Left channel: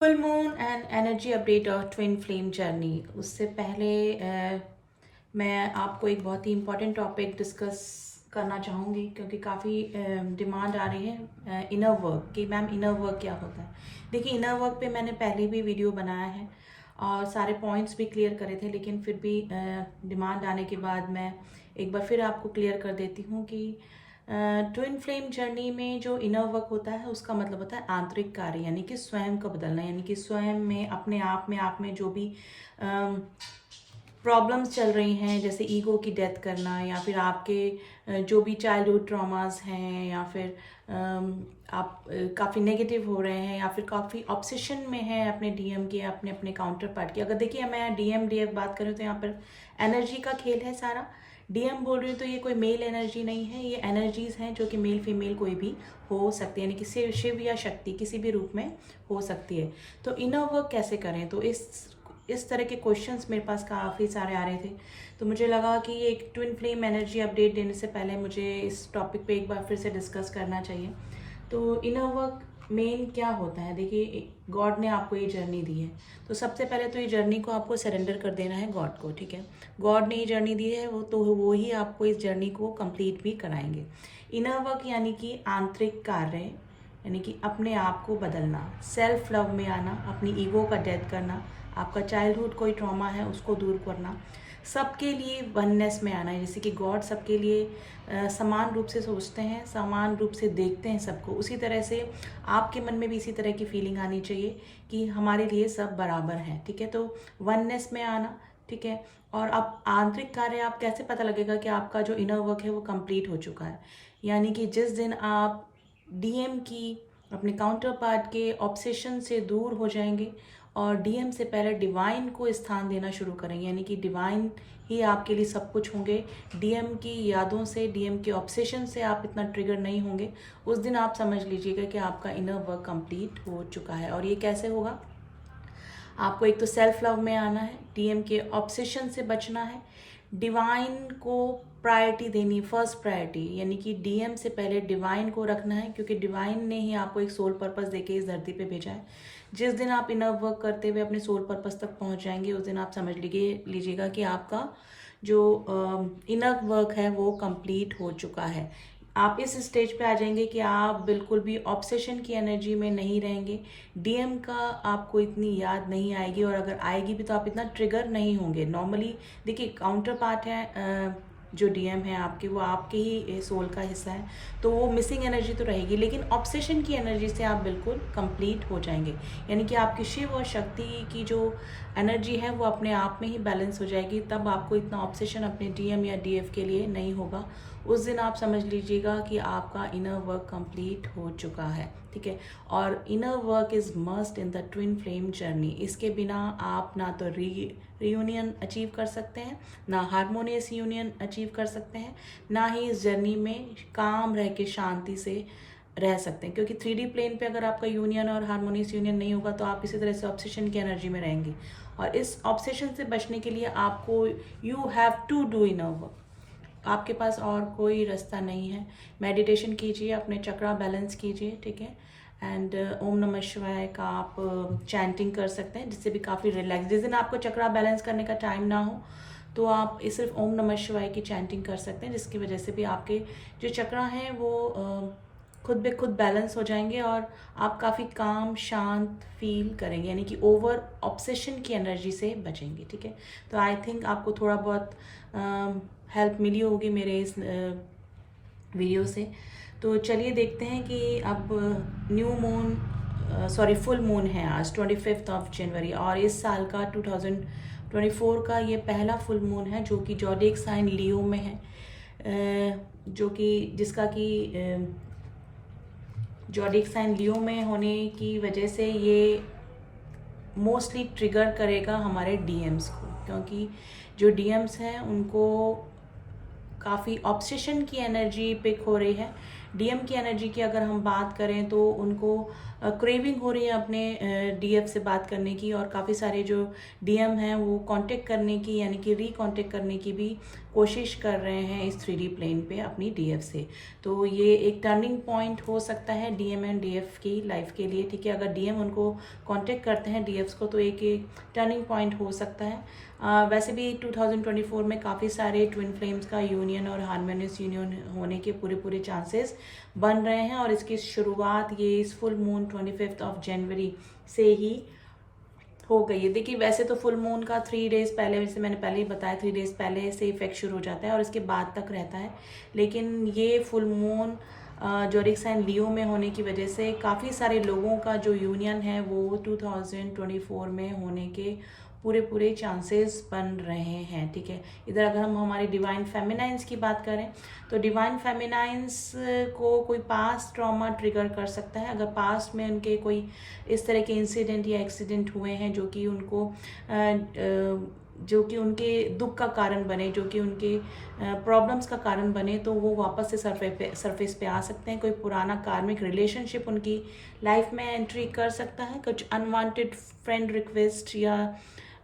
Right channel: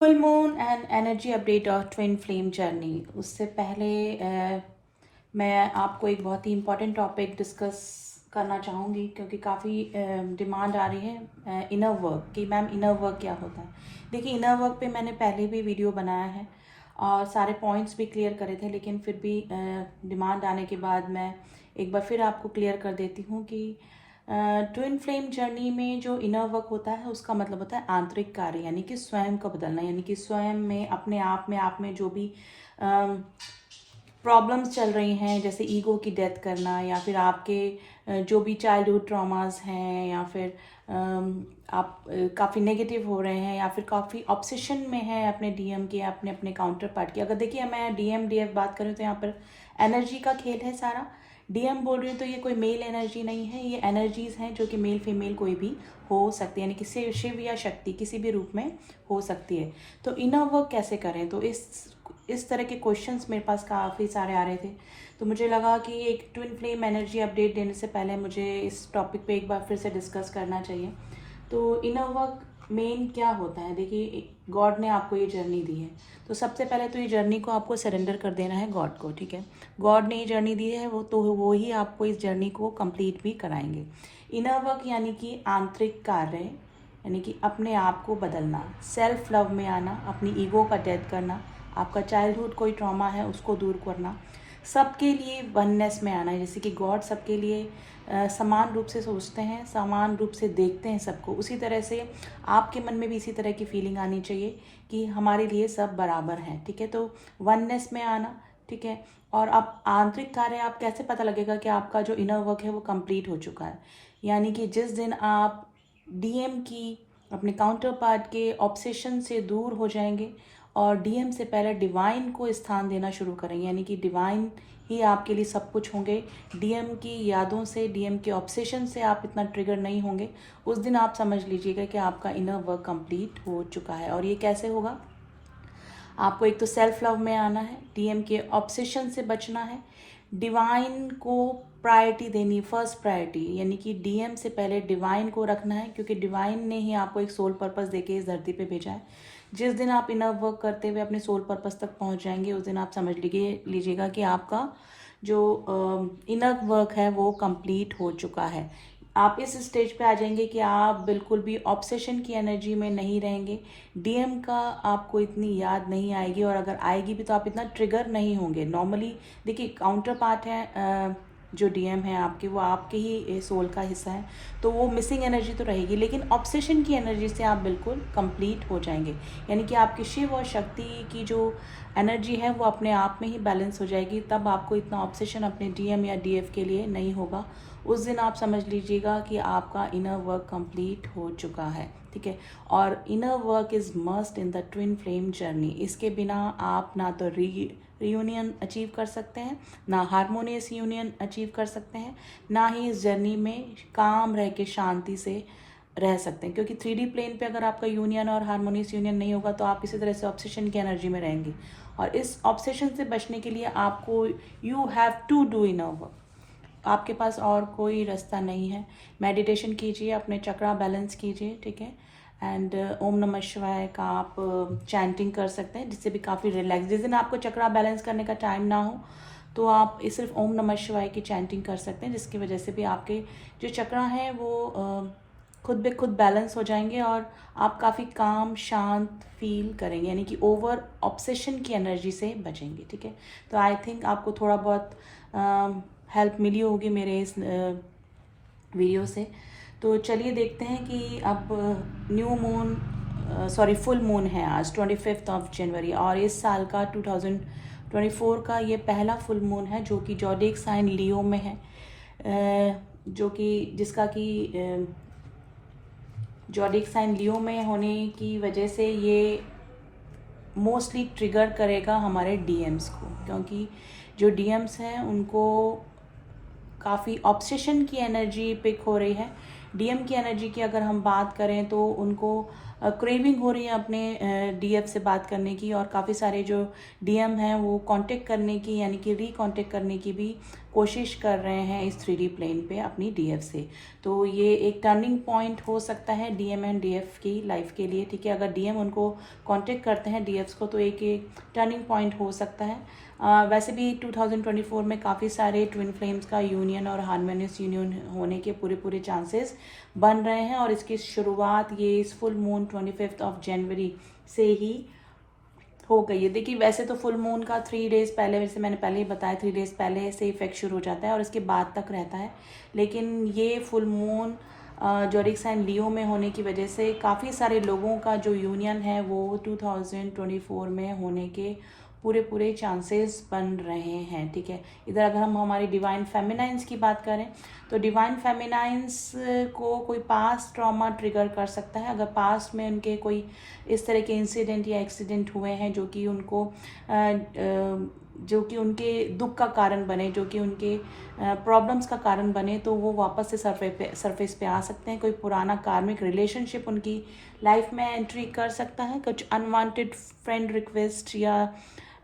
Full moon and energy update of twin flame journey. उससे पहले मैं आपको एक बहुत ही इम्पॉर्टेंट टॉपिक डिस्कस करना चाहूँगी, क्योंकि काफ़ी डिमांड आ रही है इनर वर्क कि मैम इनर वर्क क्या होता है। देखिए, इनर वर्क पे मैंने पहले भी वीडियो बनाया है और सारे पॉइंट्स भी क्लियर करे थे, लेकिन फिर भी डिमांड आने के बाद मैं एक बार फिर आपको क्लियर कर देती हूँ कि ट्विन फ्लेम जर्नी में जो इनर वर्क होता है उसका मतलब होता है आंतरिक कार्य, यानी कि स्वयं को बदलना, यानी कि स्वयं में अपने आप में जो भी प्रॉब्लम्स चल रही हैं, जैसे ईगो की डेथ करना, या फिर आपके जो भी चाइल्डहुड ट्रॉमास हैं, या फिर आप काफ़ी नेगेटिव हो रहे हैं, या फिर काफ़ी ऑब्सेशन में हैं अपने डीएम के, अपने अपने काउंटर पार्ट की। अगर देखिए मैं डीएम डीएफ बात करूँ तो यहाँ पर एनर्जी का खेल है सारा। डीएम बोल रही हूँ तो ये कोई मेल एनर्जी नहीं है, ये एनर्जीज हैं जो कि मेल फीमेल कोई भी हो सकती है, यानी कि शिव या शक्ति किसी भी रूप में हो सकती है। तो इनर वर्क कैसे करें, तो इस तरह के क्वेश्चंस मेरे पास काफ़ी सारे आ रहे थे। तो मुझे लगा कि एक ट्विन फ्लेम एनर्जी अपडेट देने से पहले मुझे इस टॉपिक पे एक बार फिर से डिस्कस करना चाहिए। तो इनर वर्क मेन क्या होता है, देखिए गॉड ने आपको ये जर्नी दी है, तो सबसे पहले तो ये जर्नी को आपको सरेंडर कर देना है गॉड को, ठीक है। गॉड ने ये जर्नी दी है, वो ही आपको इस जर्नी को कंप्लीट भी कराएंगे। इनर वर्क यानी कि आंतरिक कार्य, यानी कि अपने आप को बदलना, सेल्फ लव में आना, अपनी ईगो का डेथ करना, आपका चाइल्डहुड कोई ट्रॉमा है उसको दूर करना, सबके लिए वननेस में आना है। जैसे कि गॉड सबके लिए समान रूप से सोचते हैं, समान रूप से देखते हैं सबको, उसी तरह से आपके मन में भी इसी तरह की फीलिंग आनी चाहिए कि हमारे लिए सब बराबर हैं, ठीक है। तो वननेस में आना, ठीक है। और अब आंतरिक कार्य आप कैसे पता लगेगा कि आपका जो इनर वर्क है वो कंप्लीट हो चुका है, यानी कि जिस दिन आप डीएम की, अपने काउंटर पार्ट के ऑब्सेशन से दूर हो जाएंगे और डीएम से पहले डिवाइन को स्थान देना शुरू करेंगे, यानी कि डिवाइन ही आपके लिए सब कुछ होंगे। डीएम की यादों से, डीएम के ऑब्सेशन से आप इतना ट्रिगर नहीं होंगे, उस दिन आप समझ लीजिएगा कि आपका इनर वर्क कंप्लीट हो चुका है। और ये कैसे होगा, आपको एक तो सेल्फ लव में आना है, डीएम के ऑब्सेशन से बचना है, डिवाइन को प्रायोरिटी देनी, फर्स्ट प्रायोरिटी, यानी कि डीएम से पहले डिवाइन को रखना है, क्योंकि डिवाइन ने ही आपको एक सोल पर्पस देके इस धरती पे भेजा है। जिस दिन आप इनर वर्क करते हुए अपने सोल पर्पस तक पहुंच जाएंगे, उस दिन आप समझ लीजिएगा कि आपका जो इनर वर्क है वो कंप्लीट हो चुका है। आप इस स्टेज पे आ जाएंगे कि आप बिल्कुल भी ऑब्सेशन की एनर्जी में नहीं रहेंगे, डीएम का आपको इतनी याद नहीं आएगी, और अगर आएगी भी तो आप इतना ट्रिगर नहीं होंगे। नॉर्मली देखिए, काउंटर पार्ट है जो डीएम है आपके, वो आपके ही सोल का हिस्सा है, तो वो मिसिंग एनर्जी तो रहेगी, लेकिन ऑब्सेशन की एनर्जी से आप बिल्कुल कंप्लीट हो जाएंगे, यानी कि आपकी शिव और शक्ति की जो एनर्जी है वो अपने आप में ही बैलेंस हो जाएगी। तब आपको इतना ऑब्सेशन अपने डीएम या डीएफ के लिए नहीं होगा। उस दिन आप समझ लीजिएगा कि आपका इनर वर्क कंप्लीट हो चुका है, ठीक है। और inner work is must in the twin flame journey. इसके बिना आप ना तो रीयूनियन अचीव कर सकते हैं, ना हारमोनियस यूनियन अचीव कर सकते हैं, ना ही इस जर्नी में काम रह के शांति से रह सकते हैं, क्योंकि 3D प्लेन पे अगर आपका यूनियन और हारमोनियस यूनियन नहीं होगा तो आप इसी तरह से ऑब्सेशन की एनर्जी में रहेंगे। और इस ऑब्सेशन से बचने के लिए आपको you have to do inner work, आपके पास और कोई रास्ता नहीं है। मेडिटेशन कीजिए, अपने चक्रा बैलेंस कीजिए, ठीक है। एंड ओम नमः शिवाय का आप चैंटिंग कर सकते हैं, जिससे भी काफ़ी रिलैक्स, जिस दिन आपको चक्रा बैलेंस करने का टाइम ना हो तो आप सिर्फ ओम नमः शिवाय की चैंटिंग कर सकते हैं, जिसकी वजह से भी आपके जो चक्रा हैं वो खुद बे खुद बैलेंस हो जाएंगे और आप काफ़ी काम शांत फील करेंगे, यानी कि ओवर ऑब्सेशन की एनर्जी से बचेंगे, ठीक है। तो आई थिंक आपको थोड़ा बहुत हेल्प मिली होगी मेरे इस वीडियो से। तो चलिए देखते हैं कि अब new moon, sorry full moon है आज 25 जनवरी, और इस साल का 2024 का ये पहला फुल मून है जो कि ज़ोडिएक साइन लियो में है, जो कि जिसका कि ज़ोडिएक साइन लियो में होने की वजह से ये मोस्टली ट्रिगर करेगा हमारे डीएम्स को, क्योंकि जो डीएम्स हैं उनको काफ़ी ऑब्सेशन की एनर्जी पिक हो रही है। डीएम की एनर्जी की अगर हम बात करें तो उनको क्रेविंग हो रही है अपने डीएफ से बात करने की, और काफ़ी सारे जो डीएम हैं वो कांटेक्ट करने की यानी कि रीकांटेक्ट करने की भी कोशिश कर रहे हैं इस 3D प्लेन पे अपनी डीएफ से। तो ये एक टर्निंग पॉइंट हो सकता है डीएम एंड डीएफ की लाइफ के लिए, ठीक है। अगर डीएम उनको कांटेक्ट करते हैं डीएफ्स को, तो एक टर्निंग पॉइंट हो सकता है। वैसे भी 2024 में काफ़ी सारे ट्विन फ्लेम्स का यूनियन और हार्मोनियस यूनियन होने के पूरे चांसेस बन रहे हैं, और इसकी शुरुआत ये इस फुल मून 25 जनवरी से ही हो गई है। देखिए वैसे तो फुल मून का 3 डेज पहले, जैसे मैंने पहले ही बताया, 3 डेज पहले से इफेक्ट शुरू हो जाता है और इसके बाद तक रहता है। लेकिन ये फुल मून जोरिक साइन लियो में होने की वजह से काफ़ी सारे लोगों का जो यूनियन है वो 2024 में होने के पूरे चांसेस बन रहे हैं, ठीक है। इधर अगर हम हमारी डिवाइन फेमिनाइंस की बात करें, तो डिवाइन फेमिनाइंस को कोई पास्ट ट्रॉमा ट्रिगर कर सकता है। अगर पास्ट में उनके कोई इस तरह के इंसिडेंट या एक्सीडेंट हुए हैं जो कि उनके दुख का कारण बने, जो कि उनके प्रॉब्लम्स का कारण बने, तो वो वापस से सरफेस पे आ सकते हैं। कोई पुराना कार्मिक रिलेशनशिप उनकी लाइफ में एंट्री कर सकता है, कुछ अनवांटेड फ्रेंड रिक्वेस्ट या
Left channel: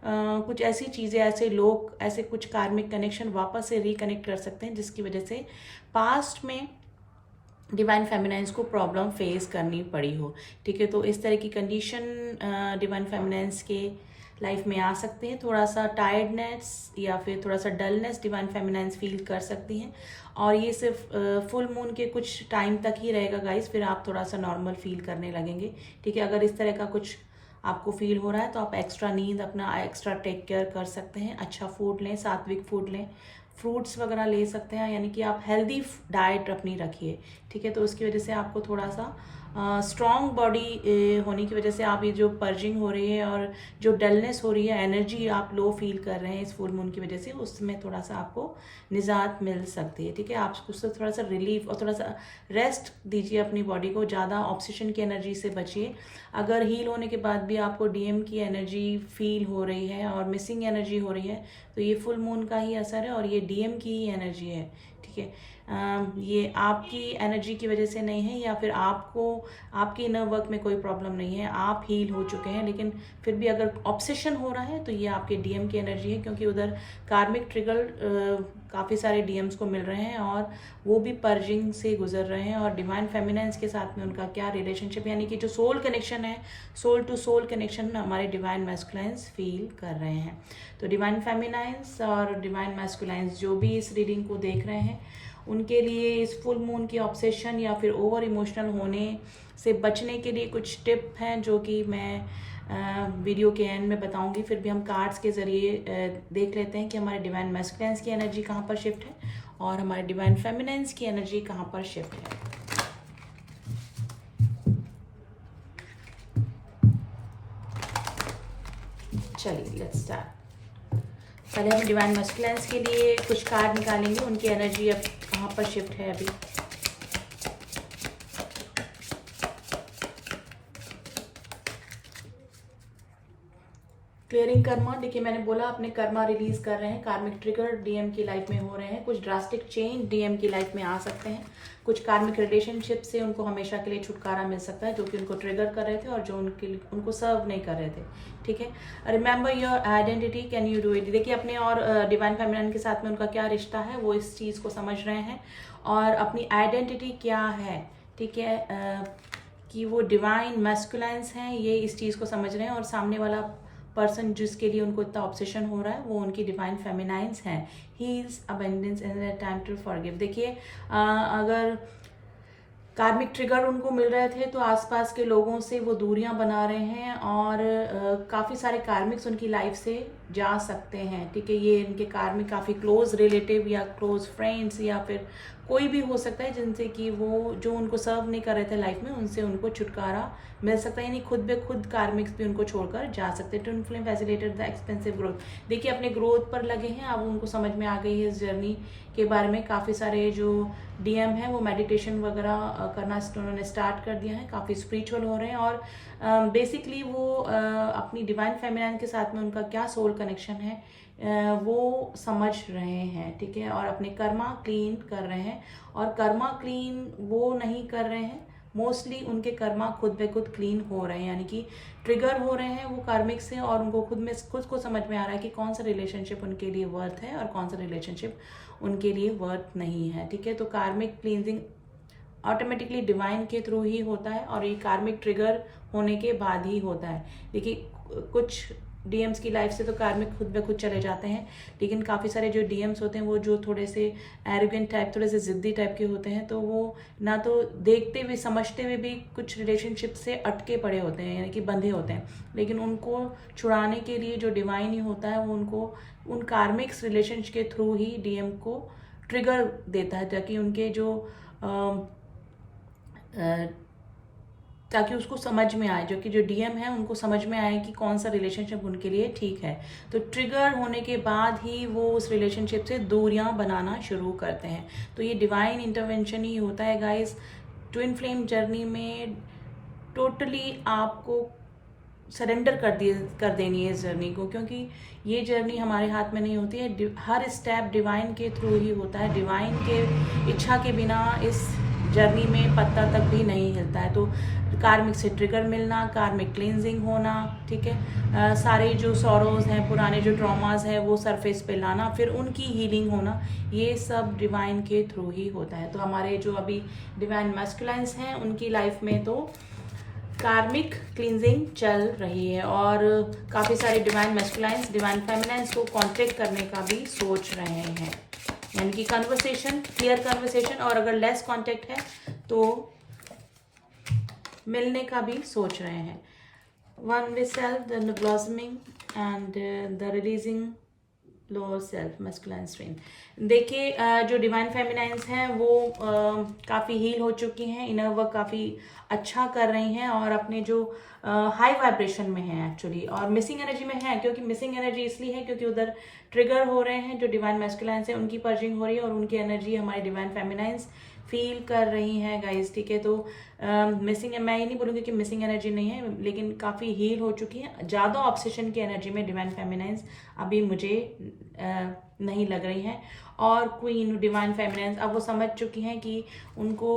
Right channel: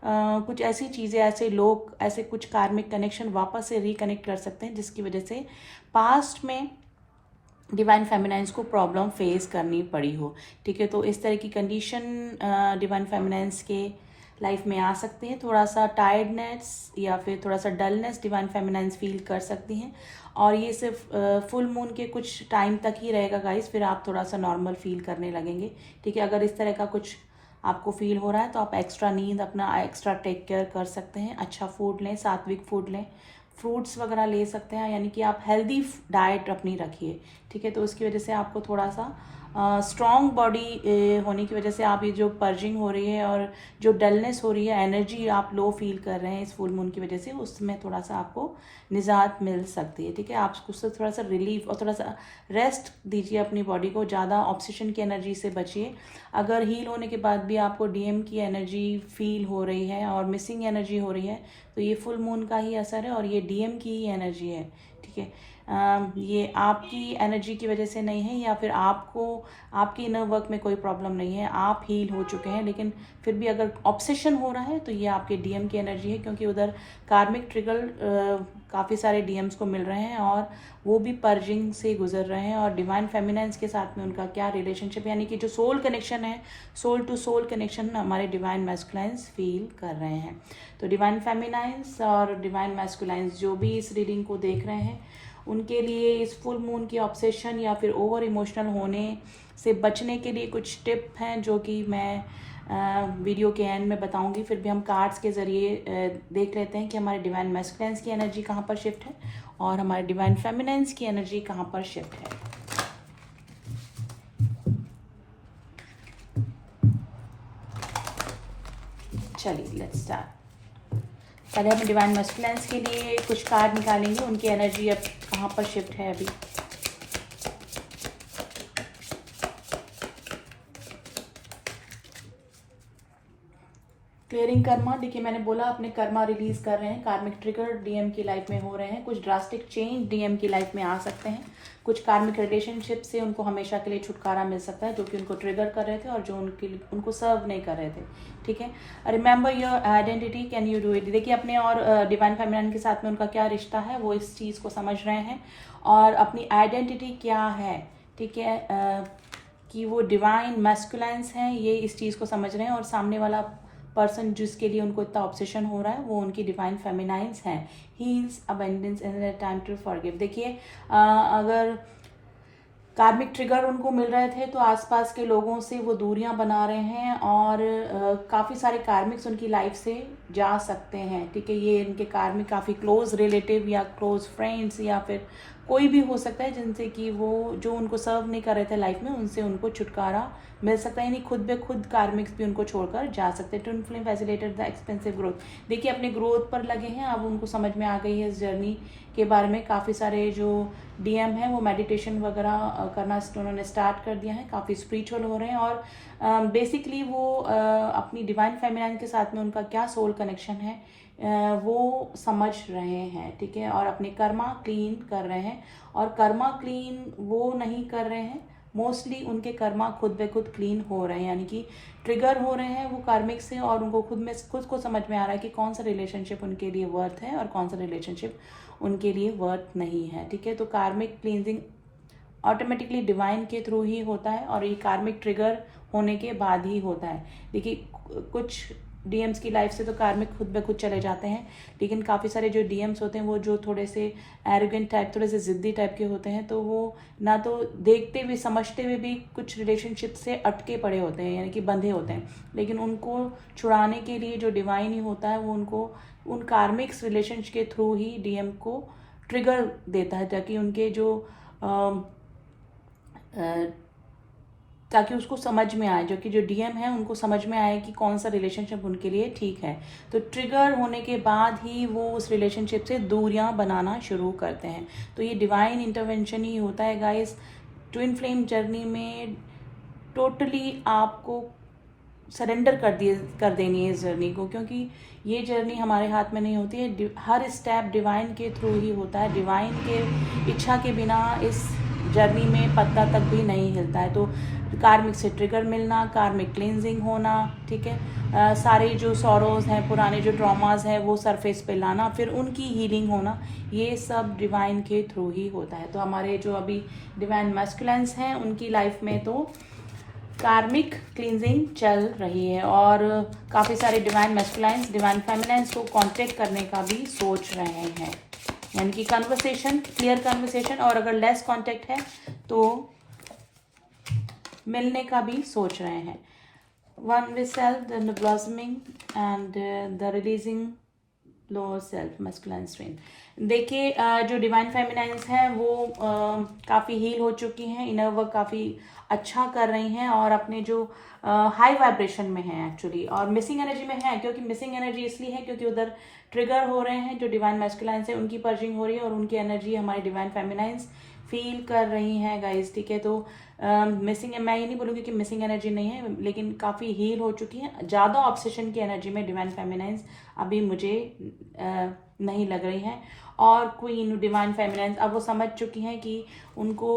कुछ ऐसी चीज़ें, ऐसे लोग, ऐसे कुछ कार्मिक कनेक्शन वापस से रिकनेक्ट कर सकते हैं, जिसकी वजह से पास्ट में डिवाइन फेमिनाइंस को प्रॉब्लम फेस करनी पड़ी हो, ठीक है। तो इस तरह की कंडीशन डिवाइन फेमिनाइंस के लाइफ में आ सकती है। थोड़ा सा टायर्डनेस या फिर थोड़ा सा डलनेस डिवाइन फेमिनाइंस फील कर सकती हैं, और ये सिर्फ फुल मून के कुछ टाइम तक ही रहेगा गाइस, फिर आप थोड़ा सा नॉर्मल फील करने लगेंगे, ठीक है। अगर इस तरह का कुछ आपको फील हो रहा है तो आप एक्स्ट्रा नींद अपना एक्स्ट्रा टेक केयर कर सकते हैं। अच्छा फूड लें, सात्विक फूड लें, फ्रूट्स वगैरह ले सकते हैं, यानी कि आप हेल्दी डाइट अपनी रखिए, ठीक है। तो उसकी वजह से आपको थोड़ा सा स्ट्रॉन्ग बॉडी होने की वजह से आप ये जो पर्जिंग हो रही है और जो डलनेस हो रही है, एनर्जी आप लो फील कर रहे हैं इस फुल मून की वजह से, उसमें थोड़ा सा आपको निजात मिल सकती है, ठीक है। आप उससे थोड़ा सा रिलीफ और थोड़ा सा रेस्ट दीजिए अपनी बॉडी को, ज़्यादा ऑब्सेशन की एनर्जी से बचिए। अगर हील होने के बाद भी आपको डीएम की एनर्जी फील हो रही है और मिसिंग एनर्जी हो रही है, तो ये फुल मून का ही असर है और ये डीएम की ही एनर्जी है, ठीक है। ये आपकी एनर्जी की वजह से नहीं है, या फिर आपकी इनर वर्क में कोई प्रॉब्लम नहीं है, आप हील हो चुके हैं, लेकिन फिर भी अगर ऑब्सेशन हो रहा है तो ये आपके डीएम की एनर्जी है, क्योंकि उधर कार्मिक ट्रिगर काफ़ी सारे डीएम्स को मिल रहे हैं और वो भी पर्जिंग से गुजर रहे हैं, और डिवाइन फेमिनाइंस के साथ में उनका क्या रिलेशनशिप, यानी कि जो सोल कनेक्शन है, सोल टू सोल कनेक्शन हमारे डिवाइन मैस्कुलाइंस फील कर रहे हैं। तो डिवाइन फेमिनाइंस और डिवाइन मैस्कुलाइंस जो भी इस रीडिंग को देख रहे हैं, उनके लिए इस फुल मून की ऑब्सेशन या फिर ओवर इमोशनल होने से बचने के लिए कुछ टिप हैं जो कि मैं वीडियो के एंड में बताऊंगी। फिर भी हम कार्ड्स के ज़रिए देख लेते हैं कि हमारे डिवाइन मैस्कुलाइंस की एनर्जी कहाँ पर शिफ्ट है और हमारे डिवाइन फेमिनाइंस की एनर्जी कहाँ पर शिफ्ट है। चलिए लेट्स स्टार्ट। पहले हम डिवाइन मैस्कुलाइंस के लिए कुछ कार्ड निकालेंगे, उनकी एनर्जी अब कहाँ पर शिफ्ट है अभी। क्लियरिंग कर्मा, देखिए मैंने बोला अपने कर्मा रिलीज कर रहे हैं, कार्मिक ट्रिगर डीएम की लाइफ में हो रहे हैं, कुछ ड्रास्टिक चेंज डीएम की लाइफ में आ सकते हैं, कुछ कार्मिक रिलेशनशिप से उनको हमेशा के लिए छुटकारा मिल सकता है जो कि उनको ट्रिगर कर रहे थे और जो उनको सर्व नहीं कर रहे थे, ठीक है। Remember your identity, can you do it. देखिए अपने और डिवाइन फेमिनाइन के साथ में उनका क्या रिश्ता है, वो इस चीज़ को समझ रहे हैं और अपनी आइडेंटिटी क्या है, ठीक है, कि वो डिवाइन मैस्कुलाइंस हैं, ये इस चीज़ को समझ रहे हैं, और सामने वाला पर्सन जिसके लिए उनको इतना ऑब्सेशन हो रहा है वो उनकी डिवाइन फेमिनाइंस हैं। Heals abundance and time to forgive. देखिए अगर कार्मिक ट्रिगर उनको मिल रहे थे तो आसपास के लोगों से वो दूरियां बना रहे हैं और काफ़ी सारे कार्मिक्स उनकी लाइफ से जा सकते हैं, ठीक है। ये इनके कार्मिक काफ़ी क्लोज रिलेटिव या क्लोज फ्रेंड्स या फिर कोई भी हो सकता है जिनसे कि वो जो उनको सर्व नहीं कर रहे थे लाइफ में, उनसे उनको छुटकारा मिल सकता है, यानी खुद ब खुद कार्मिक्स भी उनको छोड़कर जा सकते हैं। Twin flame facilitate the expensive growth. देखिए अपने ग्रोथ पर लगे हैं, अब उनको समझ में आ गई है इस जर्नी के बारे में। काफ़ी सारे जो डीएम हैं वो मेडिटेशन वगैरह करना उन्होंने स्टार्ट कर दिया है, काफ़ी स्पिरिचुअल हो रहे हैं और बेसिकली वो अपनी डिवाइन फेमिनाइन के साथ में उनका क्या सोल कनेक्शन है वो समझ रहे हैं, ठीक है। और अपने कर्मा क्लीन कर रहे हैं, और कर्मा क्लीन वो नहीं कर रहे हैं मोस्टली उनके कर्मा खुद ब खुद क्लीन हो रहे हैं, यानी कि ट्रिगर हो रहे हैं वो कार्मिक से, और उनको खुद को समझ में आ रहा है कि कौन सा रिलेशनशिप उनके लिए वर्थ है और कौन सा रिलेशनशिप उनके लिए वर्थ नहीं है। ठीक है, तो कार्मिक क्लींजिंग ऑटोमेटिकली डिवाइन के थ्रू ही होता है, और ये कार्मिक ट्रिगर होने के बाद ही होता है। देखिए कुछ डीएम्स की लाइफ से तो कार्मिक खुद ब खुद चले जाते हैं, लेकिन काफ़ी सारे जो डीएम्स होते हैं वो जो थोड़े से एरोगेंट टाइप, थोड़े से ज़िद्दी टाइप के होते हैं, तो वो ना तो देखते हुए समझते हुए भी कुछ रिलेशनशिप से अटके पड़े होते हैं, यानी कि बंधे होते हैं, लेकिन उनको छुड़ाने के लिए जो डिवाइन ही होता है वो उनको उन कार्मिक्स रिलेशनशिप के थ्रू ही डीएम को ट्रिगर देता है, ताकि उनके जो ताकि उसको समझ में आए, जो कि जो डीएम है उनको समझ में आए कि कौन सा रिलेशनशिप उनके लिए ठीक है। तो ट्रिगर होने के बाद ही वो उस रिलेशनशिप से दूरियां बनाना शुरू करते हैं। तो ये डिवाइन इंटरवेंशन ही होता है गाइस ट्विन फ्लेम जर्नी में। टोटली आपको सरेंडर कर देनी है इस जर्नी को, क्योंकि ये जर्नी हमारे हाथ में नहीं होती है, हर स्टेप डिवाइन के थ्रू ही होता है। डिवाइन के इच्छा के बिना इस जर्नी में पत्ता तक भी नहीं हिलता है। तो कार्मिक से ट्रिगर मिलना, कार्मिक क्लींजिंग होना, ठीक है, सारे जो सॉरोज हैं, पुराने जो ट्रॉमास हैं वो सरफेस पे लाना, फिर उनकी हीलिंग होना, ये सब डिवाइन के थ्रू ही होता है। तो हमारे जो अभी डिवाइन मैस्कुलिन्स हैं उनकी लाइफ में तो कार्मिक क्लींजिंग चल रही है, और काफ़ी सारे डिवाइन मैस्कुलाइंस डिवाइन फेमिनाइंस को कांटेक्ट करने का भी सोच रहे हैं, यानी कि कन्वर्सेशन, क्लियर कन्वर्सेशन, और अगर लेस कांटेक्ट है तो मिलने का भी सोच रहे हैं। One with self, the blossoming and the releasing lower self masculine strain. देखिए जो डिवाइन फेमिनाइंस हैं वो काफ़ी हील हो चुकी हैं, इनर वर्क काफ़ी अच्छा कर रही हैं, और अपने जो हाई वाइब्रेशन में हैं एक्चुअली, और मिसिंग एनर्जी में है, क्योंकि मिसिंग एनर्जी इसलिए है क्योंकि उधर ट्रिगर हो रहे हैं जो डिवाइन मैस्कुलाइंस है, उनकी पर्जिंग हो रही है, और उनकी एनर्जी हमारे डिवाइन फेमिनाइंस फील कर रही हैं गाइस। ठीक है, तो मिसिंग, मैं ये नहीं बोलूँगी कि मिसिंग एनर्जी नहीं है, लेकिन काफ़ी हील हो चुकी है। ज़्यादा ऑब्सेशन की एनर्जी में डिवाइन फेमिनाइंस अभी मुझे नहीं लग रही हैं, और क्वीन डिवाइन फेमिनाइंस अब वो समझ चुकी हैं कि उनको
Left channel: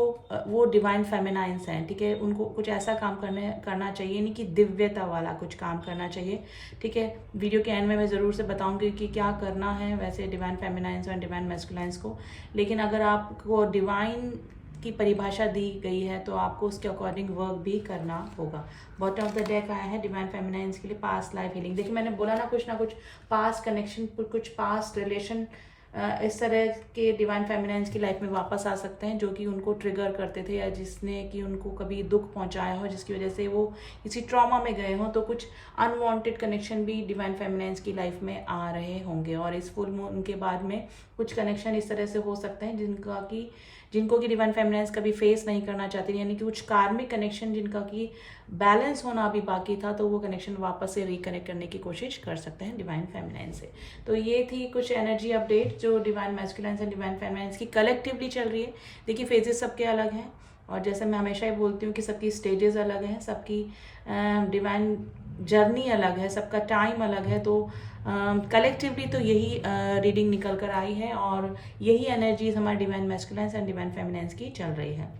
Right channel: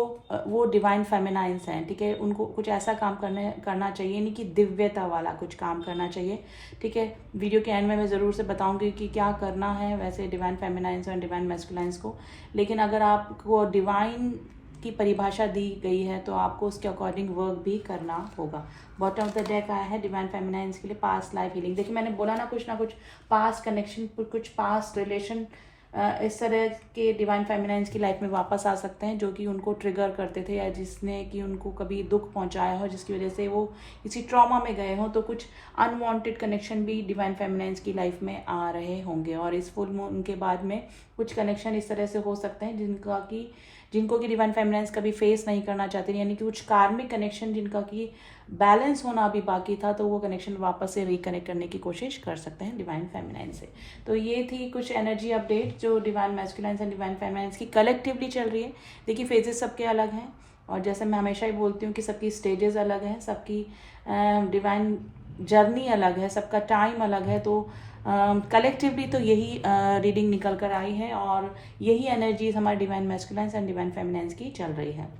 वो डिवाइन फेमिनाइंस हैं। ठीक है, उनको कुछ ऐसा काम करना चाहिए, नहीं कि दिव्यता वाला कुछ काम करना चाहिए। ठीक है, वीडियो के एंड में मैं ज़रूर से बताऊंगी कि क्या करना है वैसे डिवाइन फेमिनाइंस और डिवाइन मैस्कुलाइंस को, लेकिन अगर आपको डिवाइन की परिभाषा दी गई है तो आपको उसके अकॉर्डिंग वर्क भी करना होगा। बॉटम ऑफ द डेक आया है डिवाइन फेमिनाइंस के लिए पास्ट लाइफ हीलिंग। देखिए मैंने बोला ना कुछ पास्ट कनेक्शन, कुछ पास्ट रिलेशन इस तरह के डिवाइन फेमिनाइंस की लाइफ में वापस आ सकते हैं, जो कि उनको ट्रिगर करते थे, या जिसने कि उनको कभी दुख पहुंचाया हो, जिसकी वजह से वो किसी ट्रॉमा में गए हों। तो कुछ अनवांटेड कनेक्शन भी डिवाइन फेमिनाइंस की लाइफ में आ रहे होंगे, और इस फुल मून के बाद में कुछ कनेक्शन इस तरह से हो सकते हैं जिनको कि डिवाइन फेमिनाइंस कभी फेस नहीं करना चाहती, यानी कि कुछ कार्मिक कनेक्शन जिनका कि बैलेंस होना अभी बाकी था, तो वो कनेक्शन वापस से रिकनेक्ट करने की कोशिश कर सकते हैं डिवाइन फेमिनाइन से। तो ये थी कुछ एनर्जी अपडेट जो डिवाइन मैस्कुलाइंस एंड डिवाइन फेमिनाइंस की कलेक्टिवली चल रही है। देखिए फेजेस सबके अलग हैं, और जैसे मैं हमेशा ही बोलती हूँ कि सबकी स्टेजेस अलग हैं, सबकी डिवाइन जर्नी अलग है, सबका टाइम अलग है। तो कलेक्टिवली तो यही रीडिंग निकल कर आई है, और यही एनर्जीज हमारे डिवाइन मैस्कुलाइंस एंड डिवाइन फेमिनाइंस की चल रही है।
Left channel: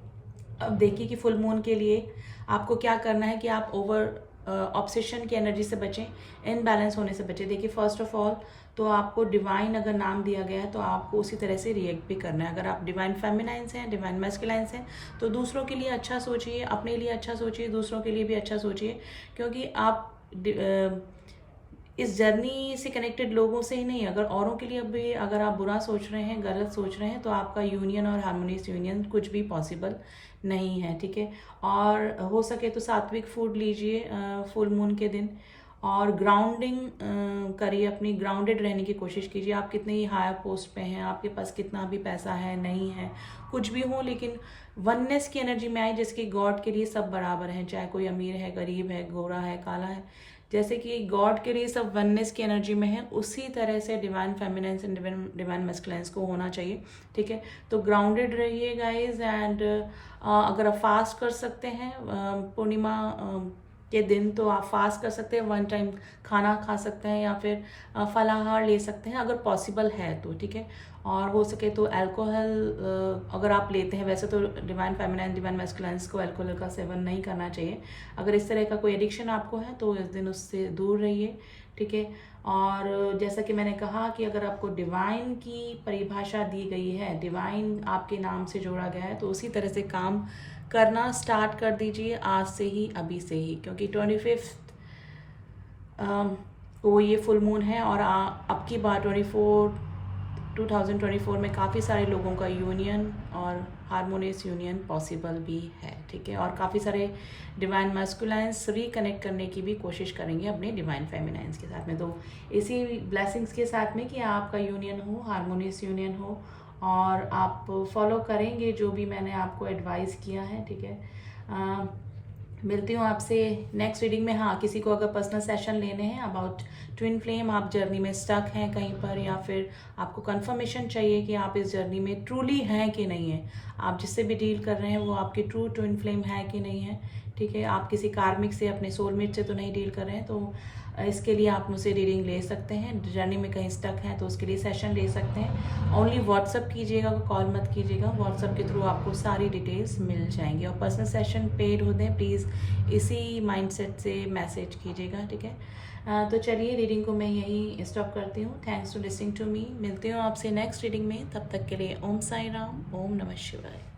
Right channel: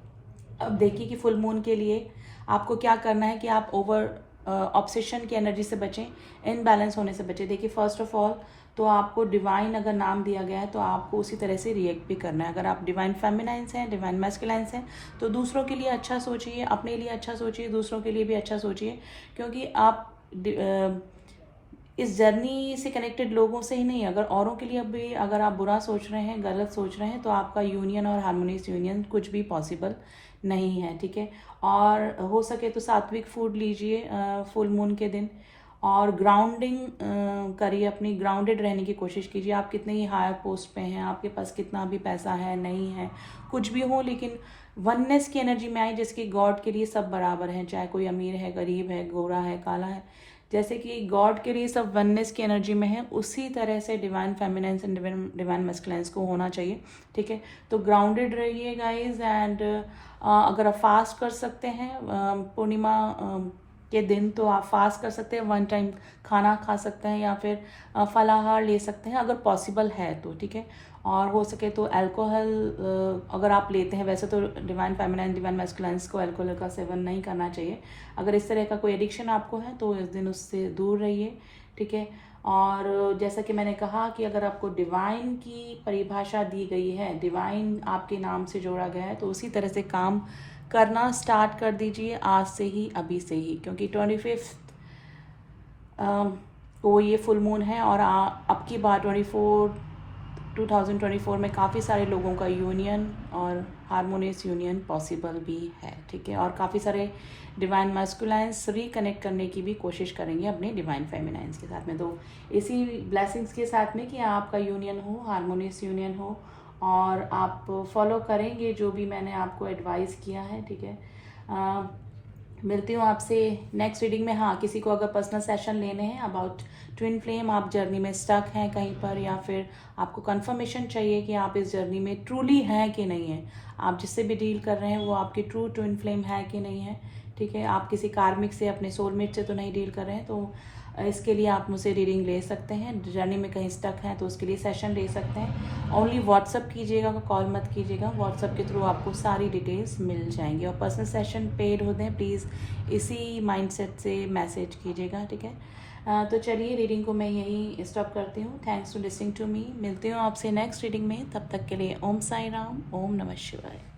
अब देखिए कि फुल मून के लिए आपको क्या करना है कि आप ओवर ऑब्सेशन की एनर्जी से बचें, इनबैलेंस होने से बचें। देखिए फर्स्ट ऑफ ऑल तो आपको डिवाइन अगर नाम दिया गया है तो आपको उसी तरह से रिएक्ट भी करना है। अगर आप डिवाइन फेमिनाइंस हैं, डिवाइन मैस्कुलाइंस हैं, तो दूसरों के लिए अच्छा सोचिए, अपने लिए अच्छा सोचिए, दूसरों के लिए भी अच्छा सोचिए, क्योंकि आप इस जर्नी से कनेक्टेड लोगों से ही नहीं, अगर औरों के लिए भी अगर आप बुरा सोच रहे हैं, गलत सोच रहे हैं, तो आपका यूनियन और हार्मोनियस यूनियन कुछ भी पॉसिबल नहीं है। ठीक है, और हो सके तो सात्विक फूड लीजिए फुल मून के दिन, और ग्राउंडिंग करिए, अपनी ग्राउंडेड रहने की कोशिश कीजिए। आप कितने ही हायर पोस्ट पे हैं, आपके पास कितना भी पैसा है नहीं है, कुछ भी हो, लेकिन वननेस की एनर्जी में आए, जिसकी गॉड के लिए सब बराबर हैं, चाहे कोई अमीर है, गरीब है, गोरा है, काला है, जैसे कि गॉड के लिए सब वननेस की एनर्जी में है, उसी तरह से डिवाइन फेमिनाइंस एंड डिवाइन मैस्कुलाइंस को होना चाहिए। ठीक है, तो ग्राउंडेड रहिए गाइज, एंड अगर आप फास्ट कर सकते हैं पूर्णिमा के दिन तो आप फास्ट कर सकते हैं, 1 टाइम खाना खा सकते हैं, या फिर फलाहार ले सकते हैं अगर पॉसिबल है तो। ठीक है, और हो सके तो अल्कोहल अगर आप लेते हैं, वैसे तो डिवाइन फेमिनाइन डिवाइन मैस्कुलाइन्स को अल्कोहल का सेवन नहीं करना चाहिए। अगर इस तरह का कोई एडिक्शन आपको है तो इस दिन उससे दूर रहिए, ठीक है। और जैसा कि मैंने कहा कि अगर आपको डिवाइन की परिभाषा दी गई है, डिवाइन आपके नाम से जोड़ा गया है, तो उसी तरह से काम करना स्टार्ट कर दीजिए आज से ही, अभी से ही, क्योंकि 25 को ये फुल मून है। और अब की बार 2024 में काफ़ी सारे लोगों का यूनियन और हारमोनियस यूनियन पॉसिबल भी है, ठीक है। और काफ़ी सारे डिवाइन मैस्कुलाइन्स रिकनेक्ट करने की भी कोशिश करेंगे अपने डिवाइन फेमिनाइन्स के साथ में। तो इसी ब्लेसिंग्स के साथ में कि आपका यूनियन हो, हारमोनियस यूनियन हो, और आप फॉलो करेंगे जो भी मैंने आपको एडवाइस किया है, ठीक है। मिलती हूँ आपसे नेक्स्ट रीडिंग में। हाँ, किसी को अगर पर्सनल सेशन लेने हैं अबाउट ट्विन फ्लेम, आप जर्नी में स्टक हैं कहीं पर, या फिर आपको कंफर्मेशन चाहिए कि आप इस जर्नी में ट्रूली हैं कि नहीं है, आप जिससे भी डील कर रहे हैं वो आपकी ट्रू ट्विन फ्लेम है कि नहीं है, ठीक है। आप किसी कार्मिक से, अपने सोलमेट से तो नहीं डील कर रहे हैं, तो इसके लिए आप मुझसे रीडिंग ले सकते हैं। जर्नी में कहीं स्टक हैं तो उसके लिए सेशन ले सकते हैं। ओनली व्हाट्सअप कीजिएगा, कॉल मत कीजिएगा। व्हाट्सअप के थ्रू आपको सारी डिटेल्स मिल जाएंगी। और पर्सनल सेशन पेड होते हैं, प्लीज़ इसी माइंडसेट से मैसेज कीजिएगा, ठीक है। तो चलिए, रीडिंग को मैं यहीं स्टॉप करती हूँ। Thanks to listening to me. मिलती हूँ आपसे नेक्स्ट रीडिंग में। तब तक के लिए ओम साई राम, ओम नमः शिवाय।